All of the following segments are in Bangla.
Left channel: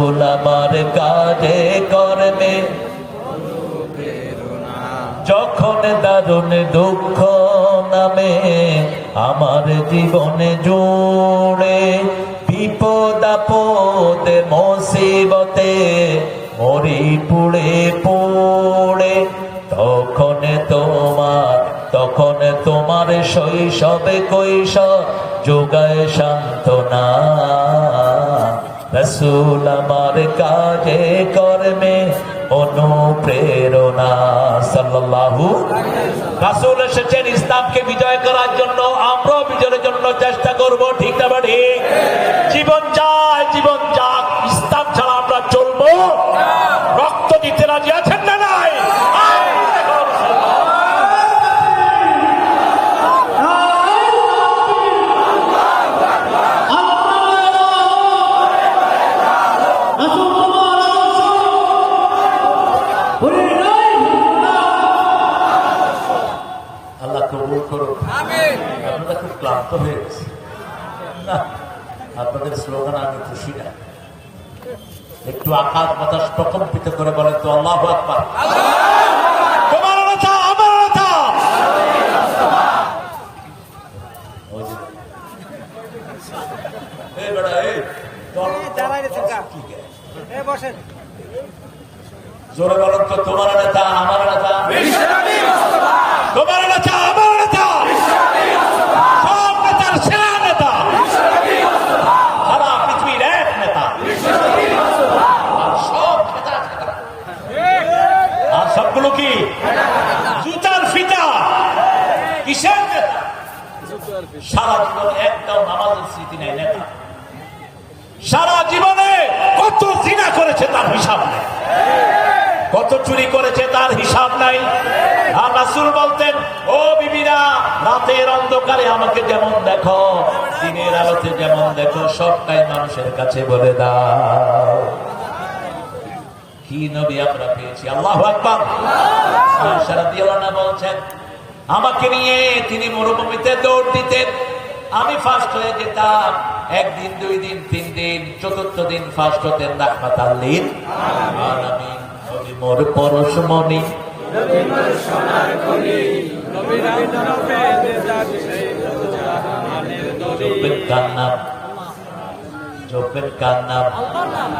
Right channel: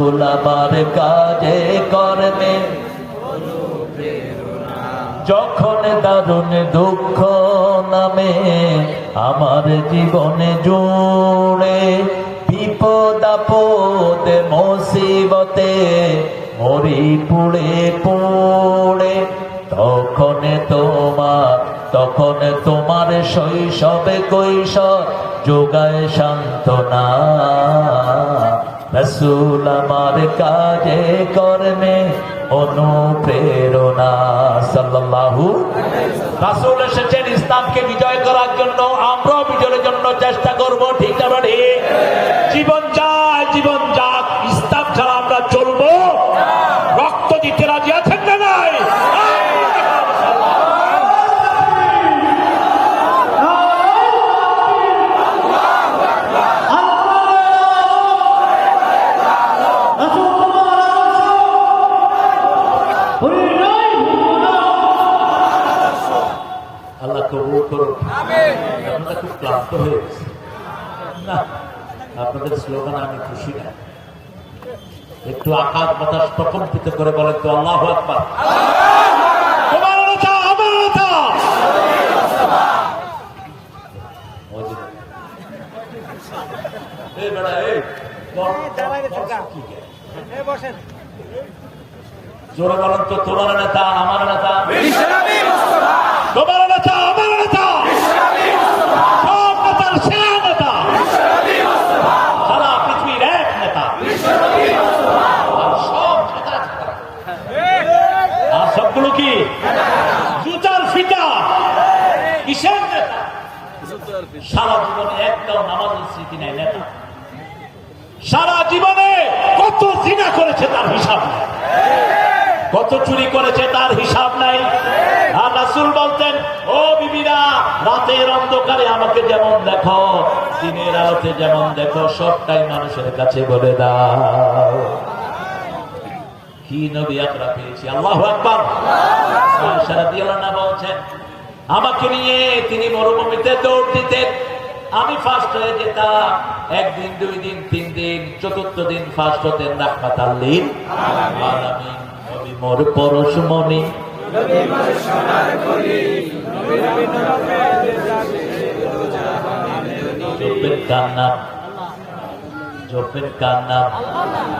আমার কাজে কর্মে যখন দারুণ দুঃখ নামে আমার জীবনে জুড়ে, বিপদ আপদে মুসিবতে মরি পুড়ে পুড়ে, তখন তোমার শৈশবে কৈশোর যোগায় সান্ত্বনা। রাসূল আমার কাজে কর্মে অনুপ্রেরণা। সাল্লাল্লাহু। রাসূল এসেছেন ইসলামকে বিজয় করার জন্য, আমরাও বিজয়ের জন্য চেষ্টা করব। ঠিক না ঠিক? জীবন চাই, জীবন যাক, ইসলাম ছাড়া আমরা চলবো? রক্ত দিতে রাজি আছেন না নাই? আল্লাহ কবুল করুন। আপনারা খুব ক্লান্ত হয়ে গেছে না? আপনাদের স্লোগান আমি খুশি না। একটু আকাশ বাতাস প্রকম্পিত করে বলেন তো আল্লাহু আকবার। জোরে বলেন তো, তোমার নেতা আমার নেতা, তোমার নেতা আমার নেতা, সব নেতার সেরা নেতা, সারা পৃথিবীর এক নেতা, আর সব নেতা, আর সবগুলো কি জুতার ফিতা? কিসের নেতা? সারা জীবনে একটাও নামাজের স্মৃতি নাই নেতা। সারা জীবনে কত জিনা করেছে তার হিসাব নাই, কত চুরি করেছে তার হিসাব নাই। আর রাসূল বলতেন, ও বিবিরা, রাতের অন্ধকারে আমাকে যেমন দেখো, দিনের আলোতে যেমন দেখো, সবটাই মানুষের কাছে বলে দাও। কি নবী আমরা পেয়েছি! আল্লাহু আকবার। আয়েশা রাদিয়াল্লাহু আনহা বলছেন, আমাকে নিয়ে তিনি মরুভূমিতে দৌড় দিতেন, আমি ফার্স্ট হয়ে যেতাম। একদিন, 2 দিন, 3 দিন, চতুর্থ দিন ফার্স্ট হতেন রাহমাতাল লিল আলামিন। নবী মোর পরশমণি, জপের কার নাম?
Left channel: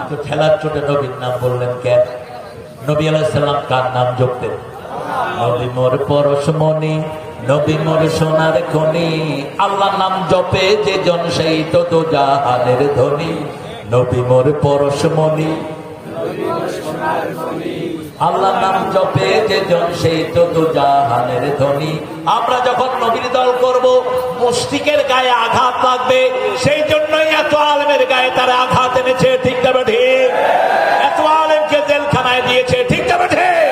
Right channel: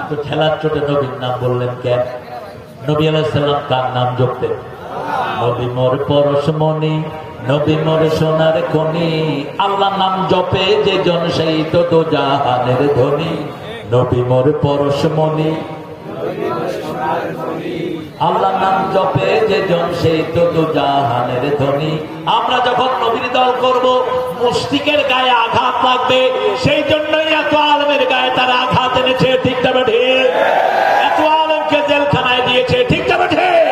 তো খেলার চোটে নবীর নাম বললেন কেন? নবী আলাইহিস সালাম কার নাম জপতেন? নবী মোর পরশমণি, নবী মোর সোনার খনি, আল্লাহ নাম জপে যে জন সেই তো দোজাহানের ধনী। নবী মোর পরশমণি, আল্লাহ নাম জপে যে জন সেই তো দোজাহানের ধনী। আমরা যখন নবীর দল করব, মুশরিকের গায়ে আঘাত লাগবে, সেই জন্যই এত আলেমের গায়ে তারা আঘাত এনেছে। ঠিক না ঠিক? এত আলেমকে জেলখানায় দিয়েছে। ঠিক না ঠিক?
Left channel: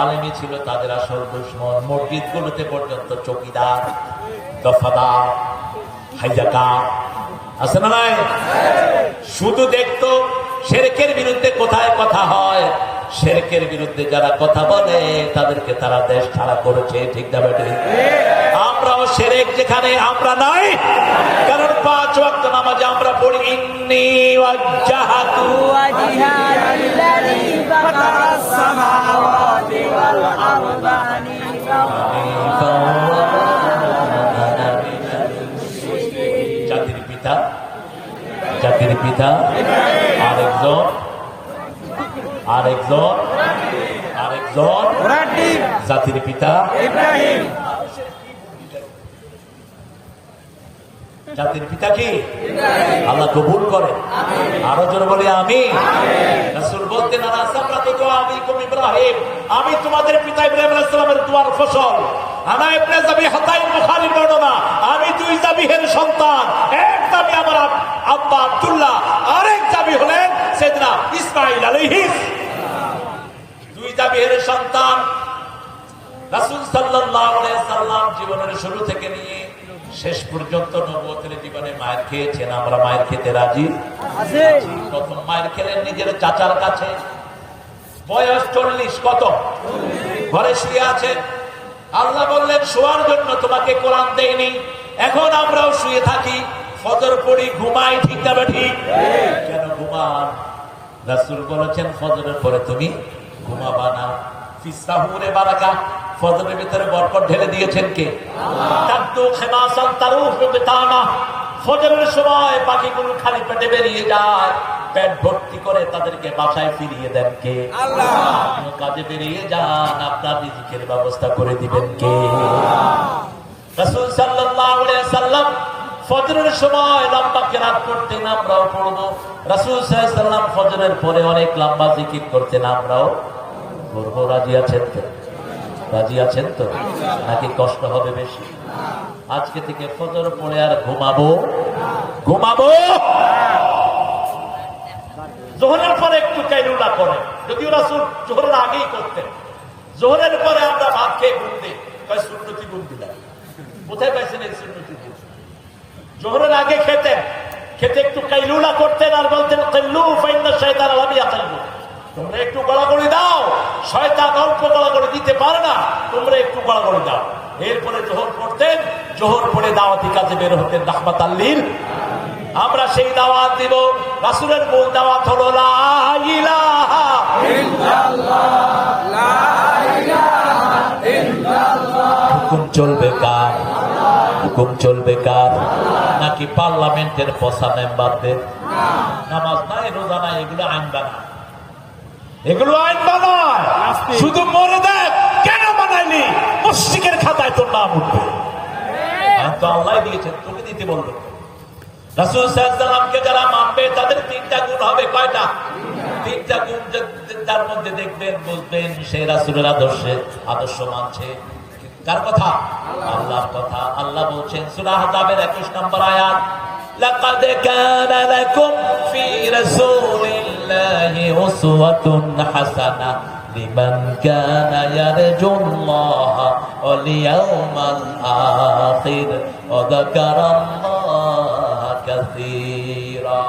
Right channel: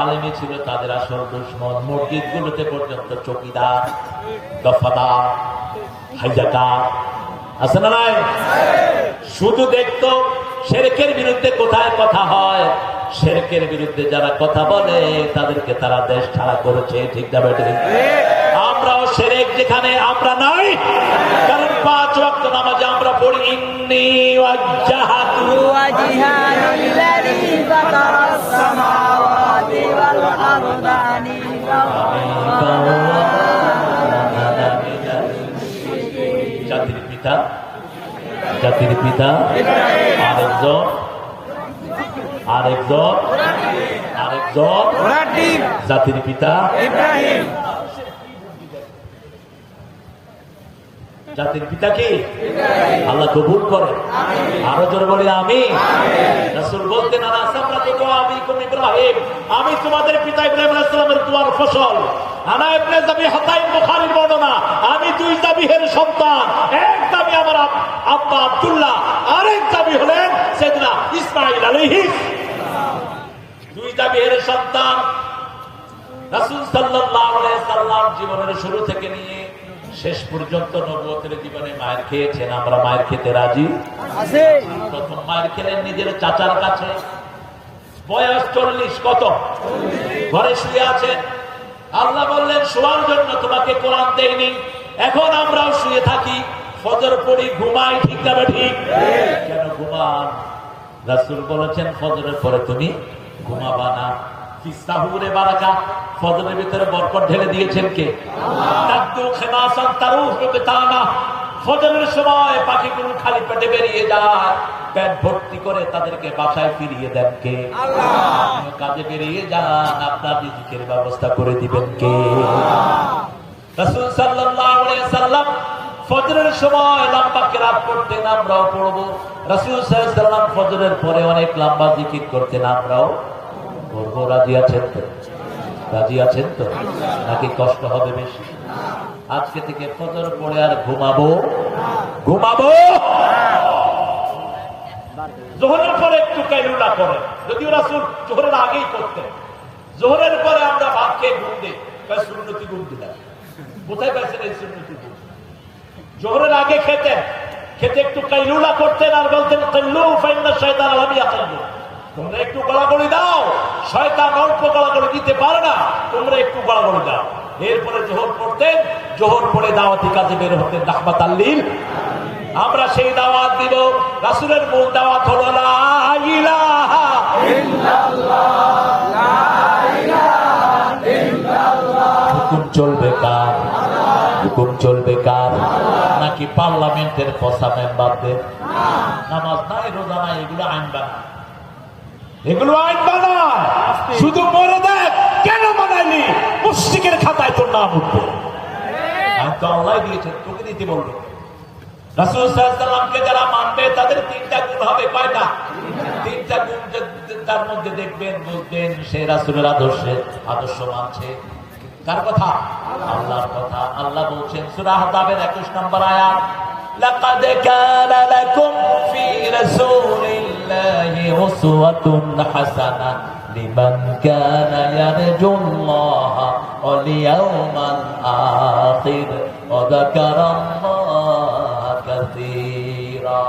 আলেমই ছিল তাদের আসল দুশমন। মসজিদ গুলোতে পর্যন্ত চৌকিদার, দফাদার, হাইজাকার আছে না নাই? শুধু দেখতো শিরকের বিরুদ্ধে কোথায় কথা হয়, শিরকের বিরুদ্ধে যারা কথা বলে তাদেরকে তারা দেশ ছাড়া করেছে। ঠিক না ঠিক? আমরাও শিরক যেখানে আমরা নাই, কারণ 5 ওয়াক্ত নামাজে আমরা পড়ি ইন্নী ওয়াজ্জাহাতু ওয়াজহিয়া লিল্লাযী ফাতারাস সামাওয়াতি ওয়াল আরদা জাতির পিতা আরেকজন জাতির পিতা ইব্রাহিম। জাতির পিতা কি? আল্লাহ কবুল করে। আরো জোরে বলি আমি। রাসূল বলতেন, ইব্রাহিম, আমি তোমাদের পিতা ইব্রাহিম আলাইহিস সালামের দোয়ার ফসল। আনা ইবনে যাবিহাতাইন, বুখারীর বর্ণনা, আমি 2 যাবিহের সন্তান। এক যাবি আমার আব্বা আব্দুল্লাহ, আরেক যাবি হলেন সাইয়েদনা ইসমাঈল আলাইহিস সালাম। 2 যাবিহের সন্তান। রাসূল সাল্লাল্লাহু আলাইহি সাল্লাম জীবনের শুরু থেকে নিয়ে শেষ পর্যন্ত নবুয়তের জীবনে মায়ের খেয়েছেন। আমরা মায়ের খেতে রাজি আছি। প্রথম মায়ের খেলেন নিজের চাচার কাছে, বয়স 40। কত? ঘরে শুয়ে আছেন। আল্লাহ বললেন, শোয়ার জন্য তোমাকে কোরআন দেয়নি। এখন আমরাও শুয়ে থাকি, ফজর পড়ি, ঘুমাই। ঠিক না ঠিক? কেন ঘুমাই? রাসূল বলেছেন ফজরের পরে তুমি ঘুমাবা না। ফিসাহুরে বারাকা, ফজরের ভিতরে বরকত ঢেলে দিয়েছেন কে? তাদু খিমাসান তারুহু বিতানা, ফজরের সময় পাখিগুলো খালি পেটে বেরিয়ে যায়, পেট ভর্তি করে তাদেরকে বাসায় ফিরিয়ে দেন কে? আল্লাহ। কাজে বেরিয়ে যান, আপনার রিজিকের ব্যবস্থা করে দিবেন কে? রাসূল সাল্লাল্লাহু আলাইহি ওয়াসাল্লাম ফজরের সময় লম্বা কিরাত করতেন, আমরাও পড়ব। রাসূল সাল্লাল্লাহু আলাইহি ওয়াসাল্লাম ফজরের পরে অনেক লম্বা জিকির করতেন, আমরাও পড়ব। রাজি আছেন তো? রাজি আছেন তো? নাকি কষ্ট হবে বেশি? আজকে থেকে ফজর পড়ে আর ঘুমাবো জোহরের পরে একটু কাইলুলা করেন, যদিও রাসূল জোহরের আগেই করতেন। জোহরের পরে আমরা ভাত খেয়ে ঘুম দিই, সুন্নতি ঘুম দিলাম। কোথায় পাইছেন এই সুন্নতি ঘুম? জোহরের আগে খেতে একটু কাইলুলা করতেন আর বলতেন কাইলু ফাইন্না শাইতান লাম ইয়াকাইলু, তোমরা একটু গড়াগড়ি দাও, শয়তান অল্প গড়াগড়ি দিতে পারে না, তোমরা একটু গড়াগড়ি দাও। এরপরে জোহর পড়তেন, জোহর পড়ে দাওয়াতি কাজে বের হতেন রাহমাতাল লিল। আমরা সেই দাওয়াত দিব। রাসূলের মূল দাওয়াত হলো লা ইলাহা ইল্লাল্লাহ, লা ইলাহা ইল্লাল্লাহ। হুকুম চলবে কার? হুকুম চলবে কার? নাকি পার্লামেন্টের পসা মেম্বারদের? নামাজ নাই, রোজা নাই, এগুলো আইন বানায়, এগুলো আইন বানায়। শুধু মরে দেখ, কেন বানাইলি? মুশরিকের খাতায় তোর নাম উঠবে। তো আল্লাহ দিয়েছেন, তোকে দিতে বলবে। রাসূল সাল্লাল্লাহু আলাইহি ওয়াসাল্লামকে যারা মানবে তাদের তিনটা গুণ হবে। কয়টা? তিনটা গুণ। যার মধ্যে দেখবেন, বুঝবেন সে রাসূলের আদর্শ মানছে। কার কথা? আল্লাহর কথা। আল্লাহ বলছেন সূরা আহজাবের 21 নম্বর আয়াত, লাকাদ কানা লাকুম ফি রাসূলিল্লাহি উসওয়াতুন হাসানাহ লিমান কানা ইয়ারজুল্লাহা ওয়াল ইয়াওমাল আখির ওয়া যাকারাল্লাহা কাসীরা।